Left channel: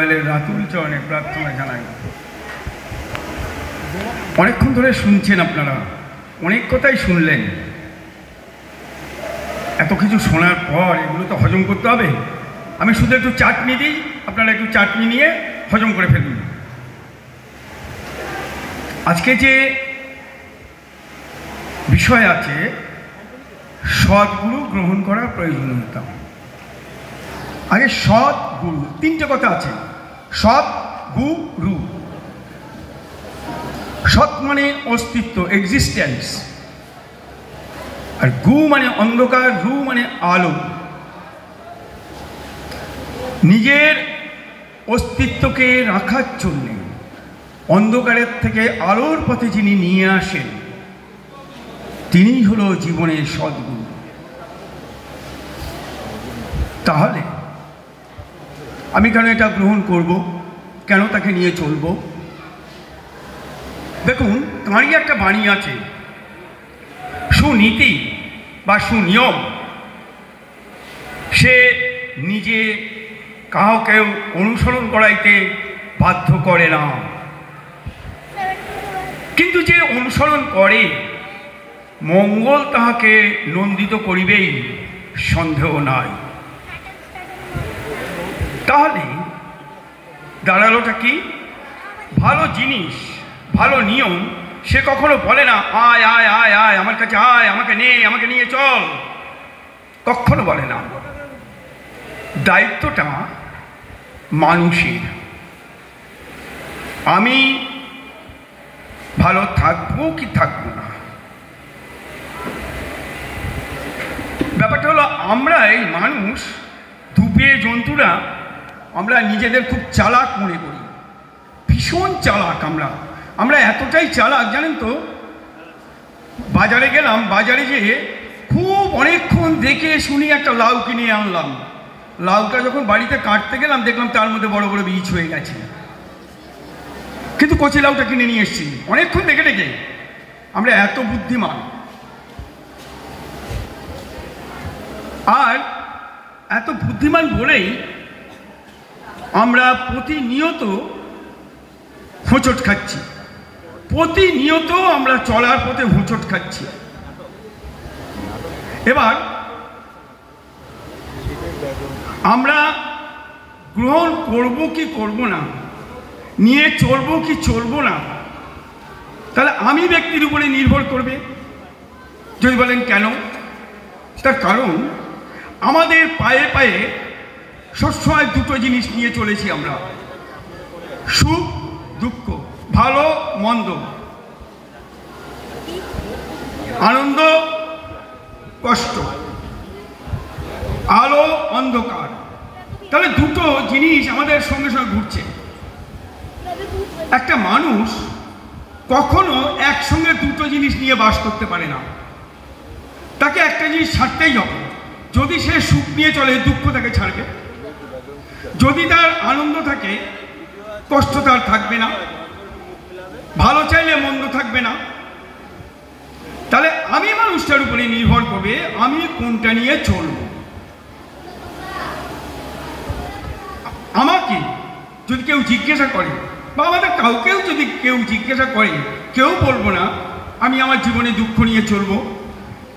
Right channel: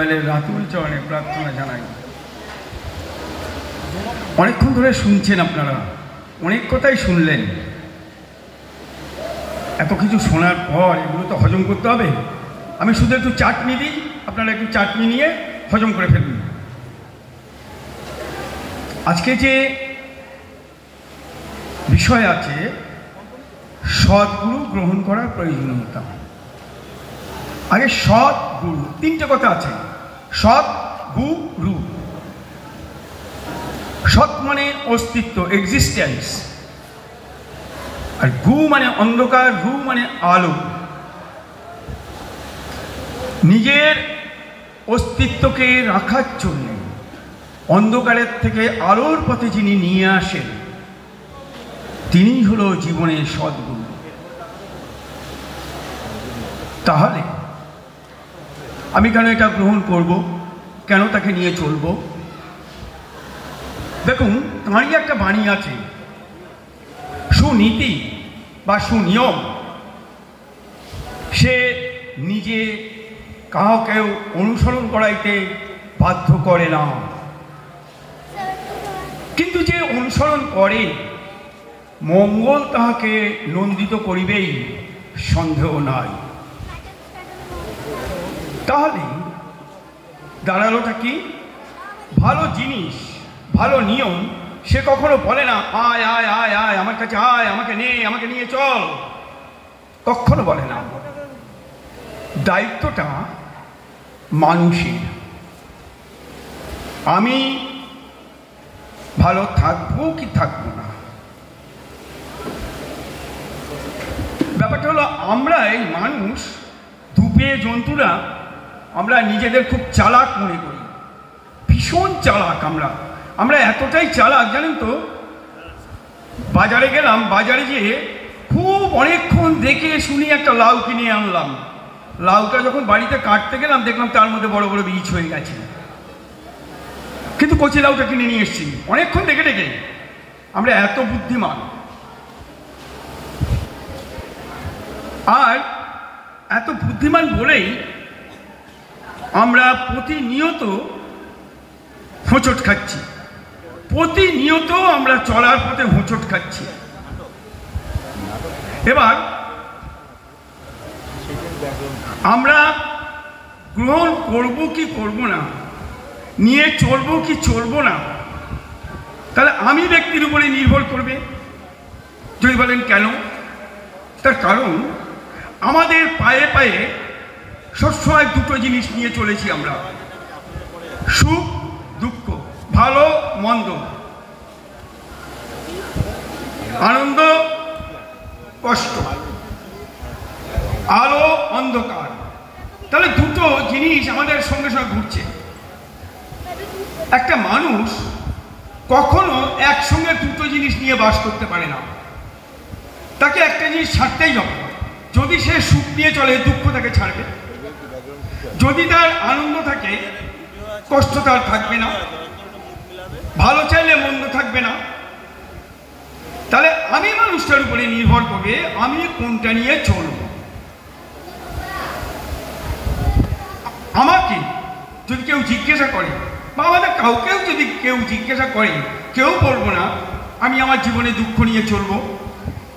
অনেক প্রার্থনা জানাই। অনেকক্ষণ ধরে শুনছেন আপনারা, অনেক কথাই শুনলেন। এত কিছু শোনার পর এগুলো তো হজম করতে হবে। আমি শুধু একটু চাটনি দিই, আপনারা একটু চাটনি নিয়ে হজম করে ফেলুন। আজকে যে বিষয় আছে, সৎগুরু গ্রহণ করার প্রয়োজনীয়তা। আগে সৎ গুরু, তিনটে কথা আছে। সৎ গুরু। সৎ মানে অস্তিত্ব, এক্সিস্টেন্স। আর গু মানে অন্ধকার, রু মানে আলো। নিজের অস্তিত্বকে রাখার জন্য অন্ধকারের থেকে আলোর পথে যিনি নিয়ে আসেন, তিনিই হলো জীবনের সদ্গুরু। তাহলে আমি কেন এটা গ্রহণ করব, কেন তাকে নিয়ে চলব? দেখুন, তাঁরই একটা বাণী আছে, সুনীতি বা সুনিয়ম। সে নিজে কাউকেও অনুসরণ করাইতে বাধ্য করে না, কিন্তু যে অনুসরণ করে মঙ্গল তাহাকে নন্দিত করিবেই, সন্দেহ নাই। তাহলে দাঁড়ালোটা কি? ভালো জিনিস, ভালো নিয়ম সে কখনো বলে না আয় আয় আয় আয় আমার কাছে আয়, আমাকে নিয়ে চল, কখনো বলে না। দায়িত্বটা মানুষের। আমি ভালো থাকবো কি থাকবো না, ব্যাপারটা হলো আমরা এই মানুষ, ধূপে জন্তুরা, আমরা নিজেদের খুব চালাক মনে করি, ভীষণ চালাক। আমরা এতটাই চালাক, জানেন তো, বাজারে গেলাম, বাজারে যেয়ে খুব অনেকক্ষণ দেখে শুনি একটা লাউ কিনে আনলাম। লাউটা যখন বাড়িতে কাটতে গেলাম, দেখলাম তার মধ্যে বড় বড় বীজ হয়ে গেছে, কিন্তু কচি লাউটা কিনে নিয়ে এসেছি অনেকক্ষণ দেখে দেখে। আমরা এত বুদ্ধিমান। আর এত বুদ্ধিমান বলেই আমরা প্রতিনিয়ত হোঁচট খাচ্ছি, প্রতিনিয়ত আমরা চলার পথে হোঁচট খাচ্ছি। এবার আমরা গ্রহণ করব কি করব না, নিয়ে চলবো কি চলবো না, তাহলে আমি ব্যক্তির উপরে নির্ভর করবে। যদি বলেন কেন, তার কারণ আমাদের পায়ে পায়ে সবসময় দুটো জিনিস নিয়ে চলেছি আমরা, সুখ দুঃখ, ভালো মন্দ, আনন্দ কষ্ট, আলো অন্ধকার। তাহলে দুটো জিনিস আমাদের সঙ্গে সঙ্গে ঘুরছে। একটা মানুষ কখনো একসঙ্গে দুটো জিনিস নিয়ে বাস করতে পারে না, তাকে একটা জিনিস ছাড়তেই হবে। যদি সে সুখ নিয়ে চলে, দুঃখ তাকে ছাড়বে। যদি তার আনন্দ থাকে, কষ্ট তার থাকবে না। ভালো চাইলে মন্দ থাকবে না। তাহলে আমি মানুষটার উপরে নির্ভর করবে আমি কোনটা নিয়ে চলব। আমাকে যদি কেউ জিজ্ঞাসা করে, বা আমাদের কাউকেও যদি কেউ জিজ্ঞাসা করে, কেউ বলবো না আমি আমার জীবনে দুঃখ নিয়ে চলবো,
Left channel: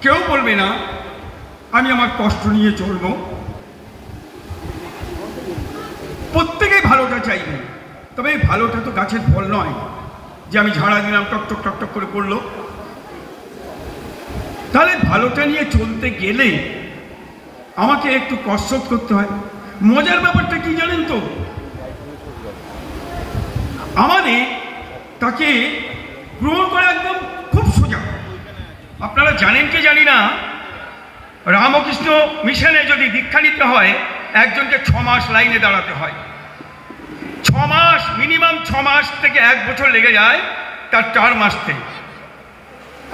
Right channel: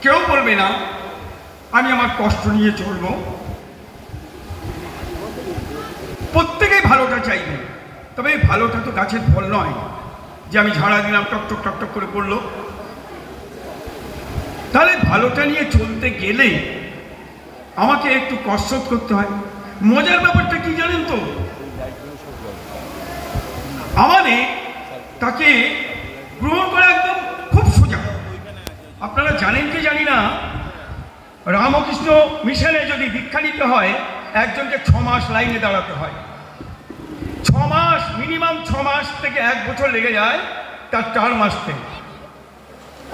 কেউ বলবে না আমি আমার কষ্ট নিয়ে চলবো। প্রত্যেকেই ভালোটা চাইবে, তবে এই ভালোটা তো গাছের ফল নয় যে আমি ঝাড়া দিলাম টকটক টকটক করে পড়লো। তাহলে ভালোটা নিয়ে চলতে গেলে আমাকে একটু কসরত করতে হয়। মজার ব্যাপারটা কি জানেন তো, আমাদের তাকে গ্রহণ করা একদম খুব সোজা। আপনারা জানেন কি জানি না, রামকৃষ্ণ মিশনে যদি দীক্ষা নিতে হয়, একজনকে 6 মাস লাইনে দাঁড়াতে হয়। 6 মাস, মিনিমাম 6 মাস থেকে 1 বছর লেগে যায় তার টার্ম আসতে।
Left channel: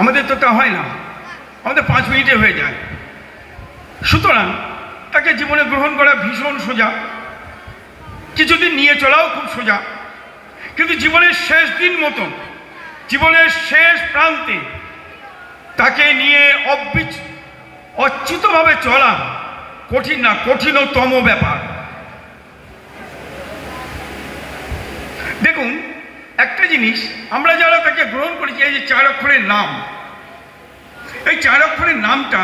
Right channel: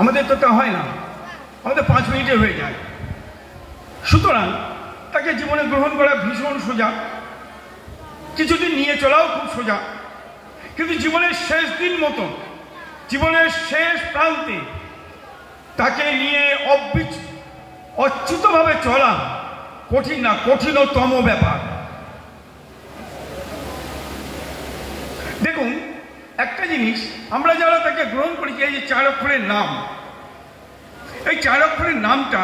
আমাদের তো তা হয় না, আমাদের 5 মিনিটে হয়ে যায়। সুতরাং তাকে জীবনে গ্রহণ করা ভীষণ সোজা, কিছুদিন নিয়ে চলাও খুব সোজা। কিন্তু জীবনের শেষ দিন মতো, জীবনের শেষ প্রান্তে তাকে নিয়ে অচ্যুতভাবে চলা কঠিন না, কঠিনতম ব্যাপার। দেখুন একটা জিনিস, আমরা যারা তাকে গ্রহণ করেছি, এই যে 4 অক্ষরের নাম, এই 4 অক্ষরের নামটা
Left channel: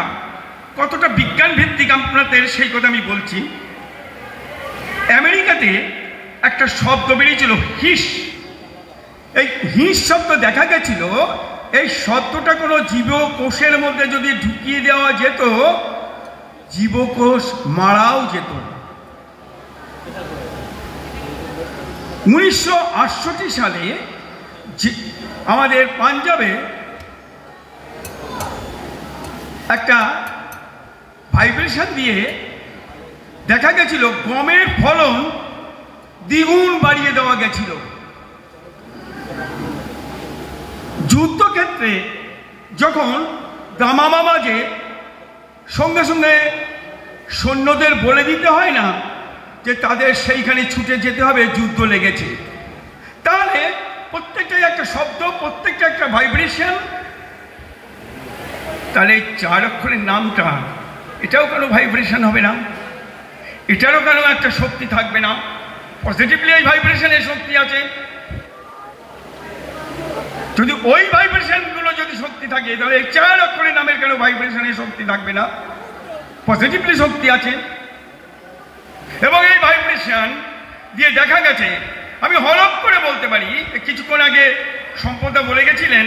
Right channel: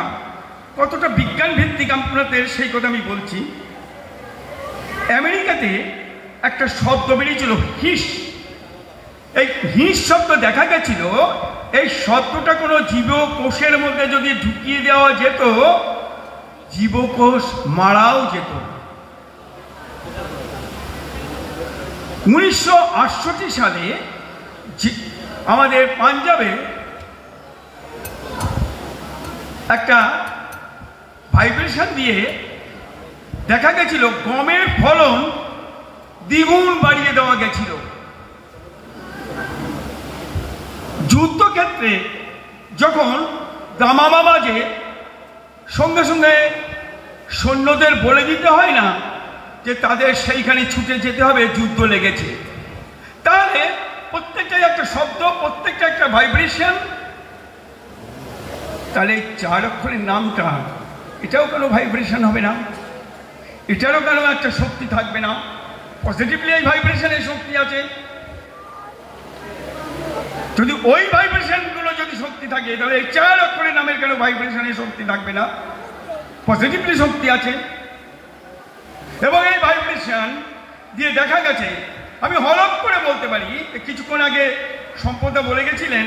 কতটা বিজ্ঞান ভিত্তিক আপনাদের সেই কথা আমি বলছি। আমেরিকাতে একটা শব্দ বেরিয়েছিল হিস। এই হিস শব্দ দেখা গেছিল, এই শব্দটা কোনো জীবকোষের মধ্যে যদি ঢুকিয়ে দেওয়া যেত, জীবকোষ মারাও যেত। 1968 সালে আমাদের পাঞ্জাবে একটা ভাইব্রেশন দিয়ে দেখা গেছিল গমের ফলন দ্বিগুণ বাড়িয়ে দেওয়া গেছিল। যুদ্ধক্ষেত্রে যখন দামামা বাজে, সঙ্গে সঙ্গে সৈন্যদের বলে দিতে হয় না যে তাদের সেইখানে ছুটে যেতে হবে, যুদ্ধ লেগেছে। তাহলে প্রত্যেকটা একটা শব্দ, প্রত্যেকটা একটা ভাইব্রেশন। তাহলে 4 অক্ষরের নামটা, এটাও কোনো ভাইব্রেশন হবে না? এটারও কেন একটা শক্তি থাকবে না? পজিটিভলি এই ভাইব্রেশনের শক্তি আছে। যদি ওই ভাইব্রেশনগুলো যদি শক্তি থাকে, তাহলে 4 অক্ষরের নামের কেন ভাইব্রেশনের শক্তি থাকবে না? পজিটিভলি শক্তি আছে। এবং এই ভাইব্রেশন দিয়ে দেখা গেছে, আমি হলফ করে বলতে পারি, কিছুক্ষণ আগে সম্পদা বলে গেছিলেন,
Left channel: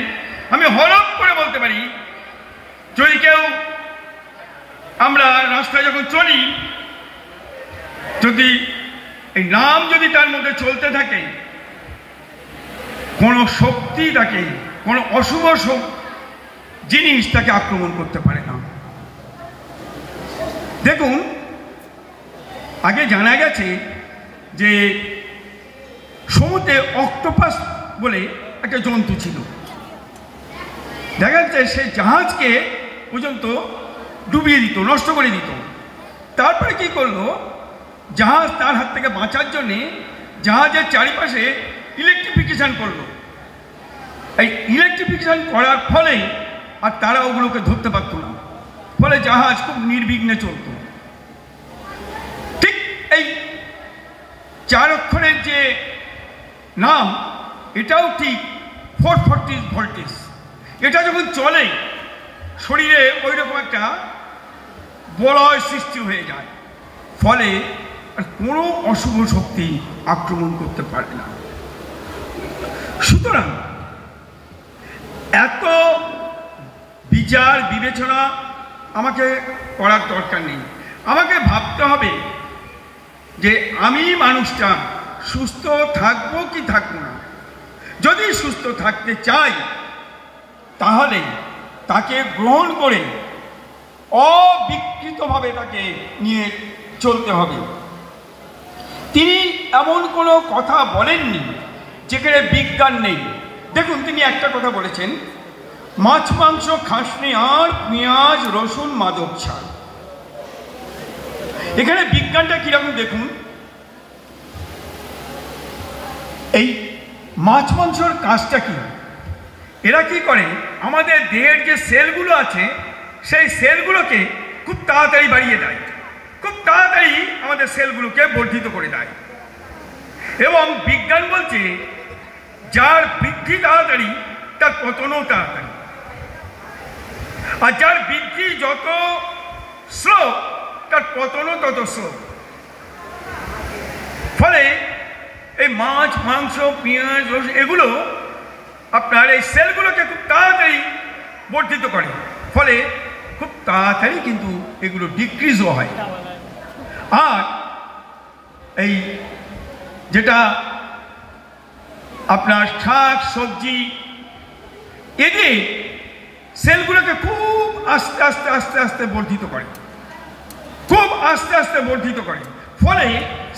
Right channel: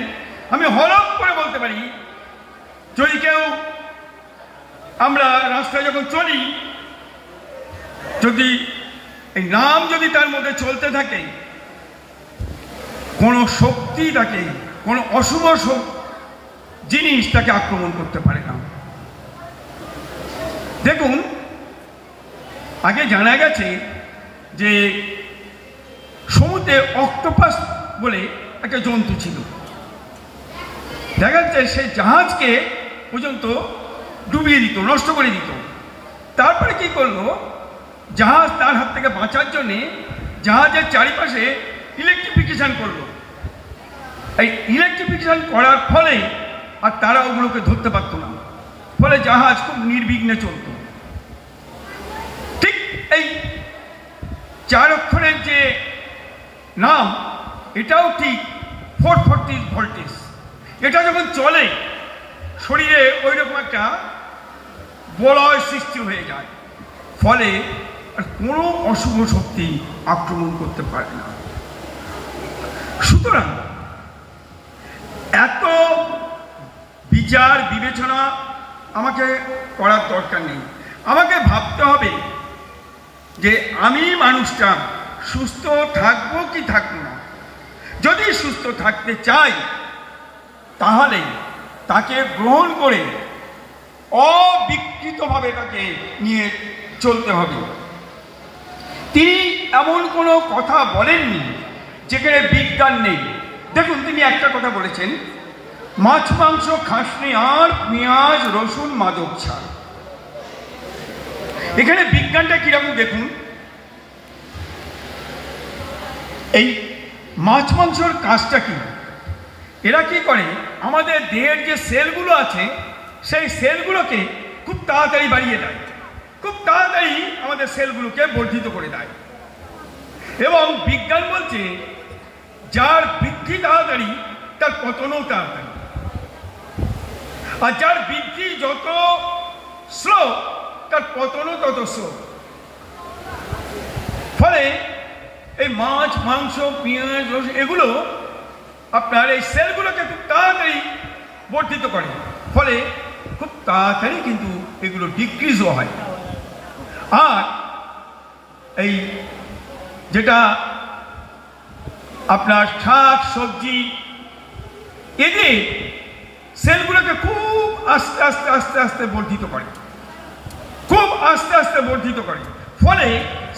আমি হলফ করে বলতে পারি, যদি কেউ, আমরা রাস্তায় যখন চলি, যদি এই নাম যদি তার মধ্যে চলতে থাকে, কোনো শক্তি তাকে, কোনো অশুভ জিনিস তাকে আক্রমণ করতে পারে না। দেখুন, আগে জানা গেছে যে সমুদ্রে অক্টোপাস বলে একটা জন্তু ছিল। দেখা যাচ্ছে সেই জাহাজকে পর্যন্ত ডুবিয়ে দিত, নষ্ট করে দিত। তারপরে কি করলো, জাহাজ তার হাত থেকে বাঁচার জন্যে জাহাজের চারিপাশে ইলেকট্রিফিকেশন করলো। এই ইলেকট্রিফিকেশন করার ফলে আর তারা ওগুলোকে ধরতে পারত না, ফলে জাহাজ খুব নির্বিঘ্নে চলত। ঠিক এই 4 অক্ষরের যে নাম, এটাও ঠিক 440 ভোল্টেজ। এটা যখন চলে, শরীরে ওই রকম একটা বলয় সৃষ্টি হয়ে যায়, ফলে কোনো অশুভ শক্তি আক্রমণ করতে পারে না। সুতরাং এত বিচার বিবেচনা আমাকে করার দরকার নেই। আমাকে ভাবতে হবে যে আমি মানুষটা সুস্থ থাকবো কি থাকবো না। যদি সুস্থ থাকতে চাই, তাহলে তাকে গ্রহণ করে অবিকৃতভাবে তাকে নিয়ে চলতে হবে। তিনি এমন কোনো কথা বলেননি যেখানে বিজ্ঞান নেই। দেখুন, তিনি একটা কথা বলেছেন, মাছ মাংস খাসনি আর পেঁয়াজ রসুন মাদক ছাড়। এখানে বিজ্ঞানটা কিরকম দেখুন। এই মাছ মাংসর কাজটা কি? এরা কি করে, আমাদের দেহের যে সেলগুলো আছে, সেই সেলগুলোকে খুব তাড়াতাড়ি বাড়িয়ে দেয়, খুব তাড়াতাড়ি আমাদের সেলগুলোকে বর্ধিত করে দেয়। এবং বিজ্ঞান বলছে, যার বৃদ্ধি তাড়াতাড়ি তার পতনও তাড়াতাড়ি, আর যার বৃদ্ধি যত স্লো তার পতনও তত স্লো। ফলে এই মাছ মাংস পেঁয়াজ রসুন এগুলো আপনার এই সেলগুলোকে খুব তাড়াতাড়ি বর্ধিত করে, ফলে খুব তাড়াতাড়ি কিন্তু এগুলো ডিক্রিজও হয়। আর এই যেটা আপনার শাক সবজি, এদের সেলগুলোকে খুব আস্তে আস্তে আস্তে আস্তে বর্ধিত করে, খুব আস্তে আস্তে বর্ধিত করে, ফলে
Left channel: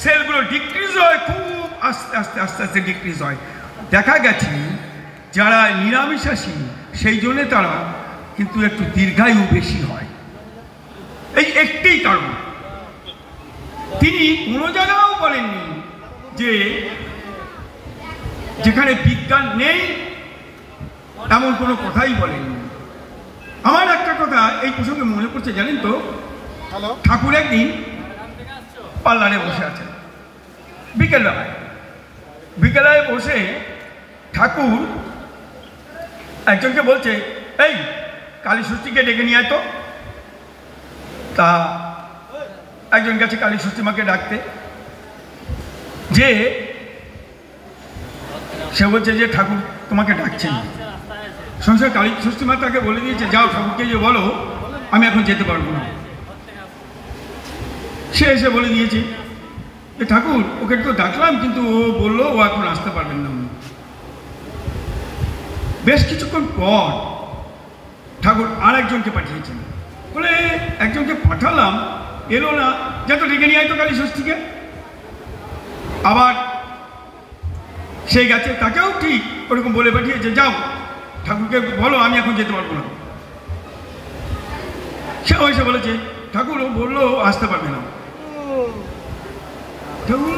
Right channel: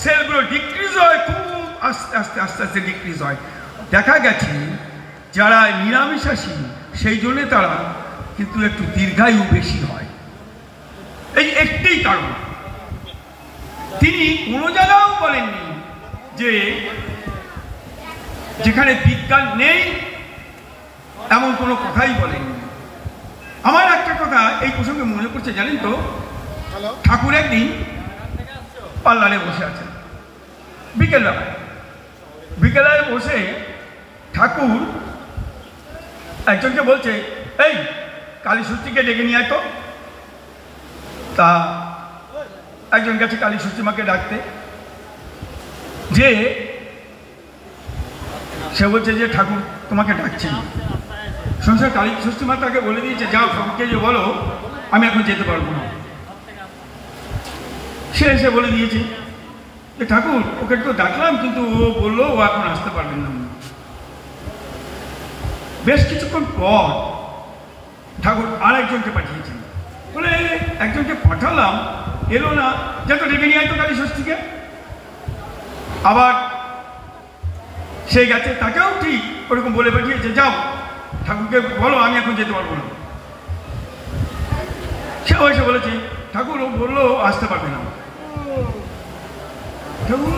সেলগুলো ডিক্রিজ হয়, খুব আস্তে আস্তে আস্তে আস্তে ডিক্রিজ হয়। দেখা গেছে যারা নিরামিষাশী, সেই জন্যে তারা কিন্তু একটু দীর্ঘায়ু বেশি হয়। এই একটি কারণ। তিনি কোনো জায়গাও বলেননি যে যেখানে বিজ্ঞান নেই, এমন কোনো কথাই বলেননি। আমার একটা কথা এই প্রসঙ্গে মনে পড়ছে, জানেন তো, ঠাকুর একদিন পার্লারে বসে আছেন বিকেলবেলা, বিকেলায় বসে ঠাকুর একজনকে বলছে, এই কালী ষষ্ঠীকে ডেকে নিয়ে আয় তো। তা একজন গেছে কালী ষষ্ঠী মাকে ডাকতে, যে সে বলছে যে ঠাকুর তোমাকে ডাকছেন। সংসার কালী ষষ্ঠী মা তাকে বলে দিয়েছে, যাও ঠাকুরকে যে বলো আমি এখন যেতে পারবো না। সে এসে বলে দিয়েছে যে ঠাকুর ওকে তো ডাকলাম, কিন্তু ও বললো ও এখন আসতে পারবেন না। বেশ কিছুক্ষণ পর ঠাকুর আর একজনকে পাঠিয়েছেন, বলে একজনকে পাঠালাম এলো না, যত ডেকে নিয়ে আসতো কালী ষষ্ঠীকে। আবার সে গেছে, তাকেও ঠিক ওরকম বলে পাঠিয়েছে, যাও ঠাকুরকে বলো আমি এখন যেতে পারবো না। সেও এসে বলেছে ঠাকুর ও বললো আসতে পারবে না। ঠাকুর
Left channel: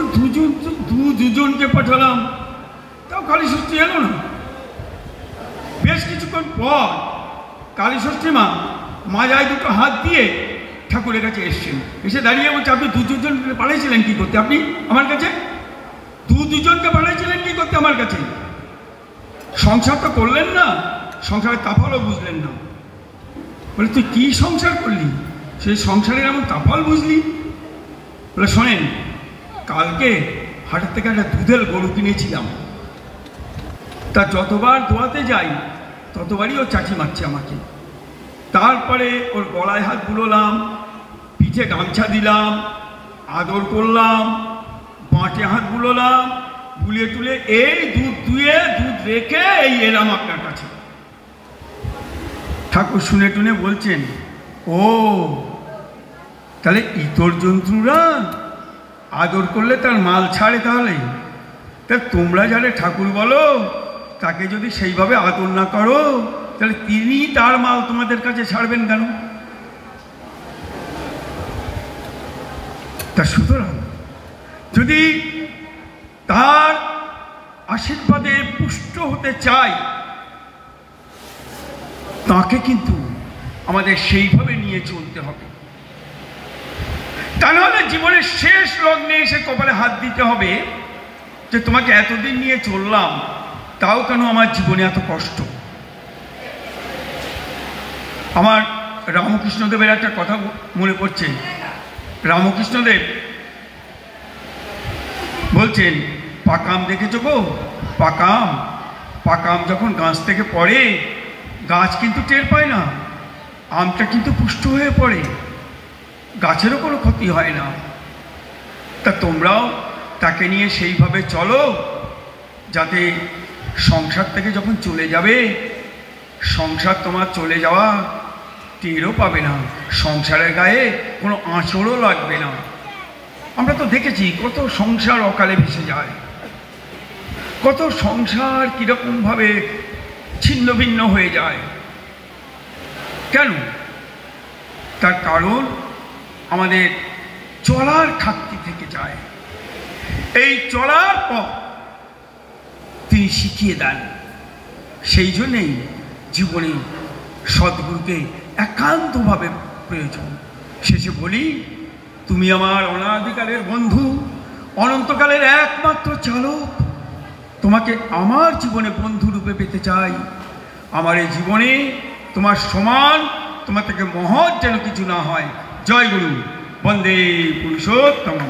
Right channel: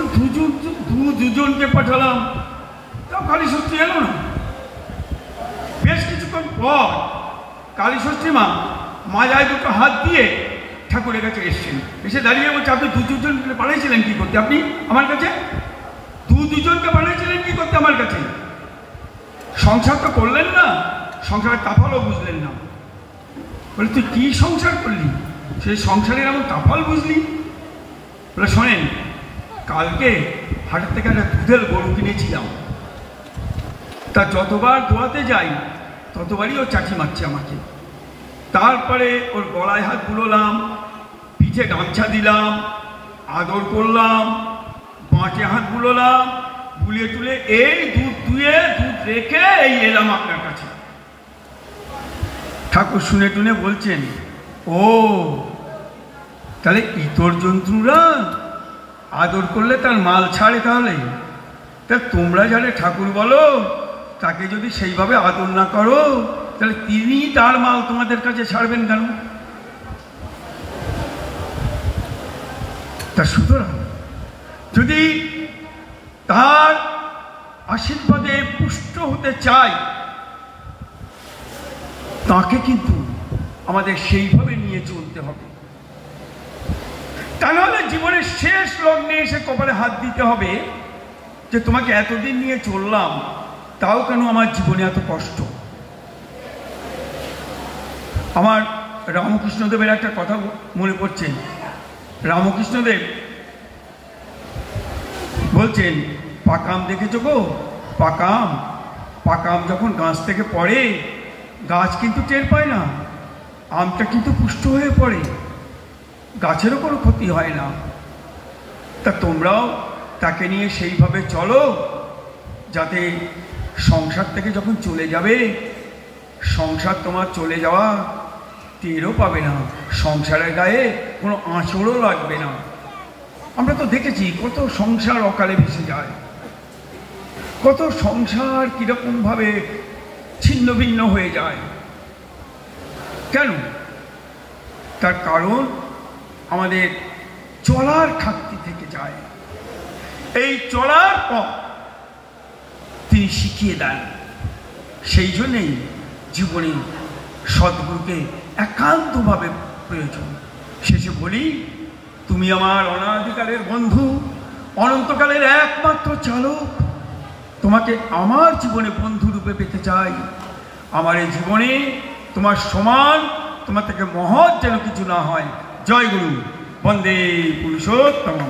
দুজনকে পাঠালাম, তাও কালী ষষ্ঠী এলো না। বেশ কিছুক্ষণ পর কালী ষষ্ঠী মা মাজায় দুটো হাত দিয়ে ঠাকুরের কাছে এসছেন, এসে দাঁড়িয়ে বলছে, আপনি দুজনকে পাঠিয়েছিলেন কি করতে? আপনি আমার কাছে দুজনকে পাঠিয়েছিলেন কি করতে আমার কাছে? সংসার তো করলেন না, সংসারের কাফালও বুঝলেন না। বলে তুই কি সংসার করলি? সেই সংসারের এমন কাফাল বুঝলি? বলে শোনেন, কালকে হাটের থেকে একটা দুধের গরু কিনেছিলাম, তা যতবার দোয়াতে যাই ততবারই ও চাচি মারছে আমাকে। তারপরে ওর গলায় হাত বুলোলাম, পিঠে গামছা দিলাম, আদর করলাম, বাঁটে হাত বুলোলাম, বুলিয়ে তুলে এই দুধ রেখে এই এলাম আপনার কাছে। ঠাকুর শুনে টুনে বলছেন, ও তাহলে ইতর জন্তুরা আদর করলে তার মাল ছাড়ে? তাহলে তোমরা যারে ঠাকুর বলো তাকে যদি সেইভাবে আদর না করো, তাহলে তিনি তার মাল তোমাদের কাছে ছাড়বেন কেন? তা সুতরাং যদি তার আশীর্বাদে পুষ্ট হতে চাই, তাকে কিন্তু আমাদের সেইভাবে নিয়ে চলতে হবে। তা নাহলে জীবনের শেষ লগ্নে এসে কপালে হাত দিতে হবে যে তোমাকে এতদিন নিয়ে চললাম, তাও কেন আমার জীবনে এত কষ্ট। আমার রামকৃষ্ণদেবের একটা কথা মনে পড়ছে। রামকৃষ্ণদেব বলছেন, পাকাম দেখেছো গো? পাকাম যখন গাছ থেকে পড়ে, গাছ কিন্তু টের পায় না, আমটা কিন্তু পুষ্ট হয়ে পড়ে, গাছেরও কোনো ক্ষতি হয় না। তা তোমরাও তাকে নিয়ে সেইভাবে চলো, যাতে সংসার থেকে যখন চলে যাবে, সংসার তোমার চলে যাওয়া টেরও পাবে না, সংসারের গায়ে কোনো আঁচড়ও লাগবে না। আমরা তো দেখেছি কত সংসার অকালে ভেসে যায়, কত সংসার কীরকমভাবে ছিন্ন ভিন্ন হয়ে যায়। কেন? তার কারণ আমাদের চলার খাক্তি থেকে যায়। এই চলার পথ তিনি শিখিয়ে দেন। সেই জন্যেই জীবনে সদ্গুরুকে একান্তভাবে প্রয়োজন। শেষে বলি, তুমি আমার অনাদিকালের বন্ধু, অনন্তকালের একমাত্র চালক। তোমাকে আমার জীবনে বন্ধুরূপে পেতে চাই। আমার এই জীবনে তোমার সমান, তোমার থেকে মহৎ যেন কিছু না হয়। জয় গুরু, বন্দে পুরুষোত্তম।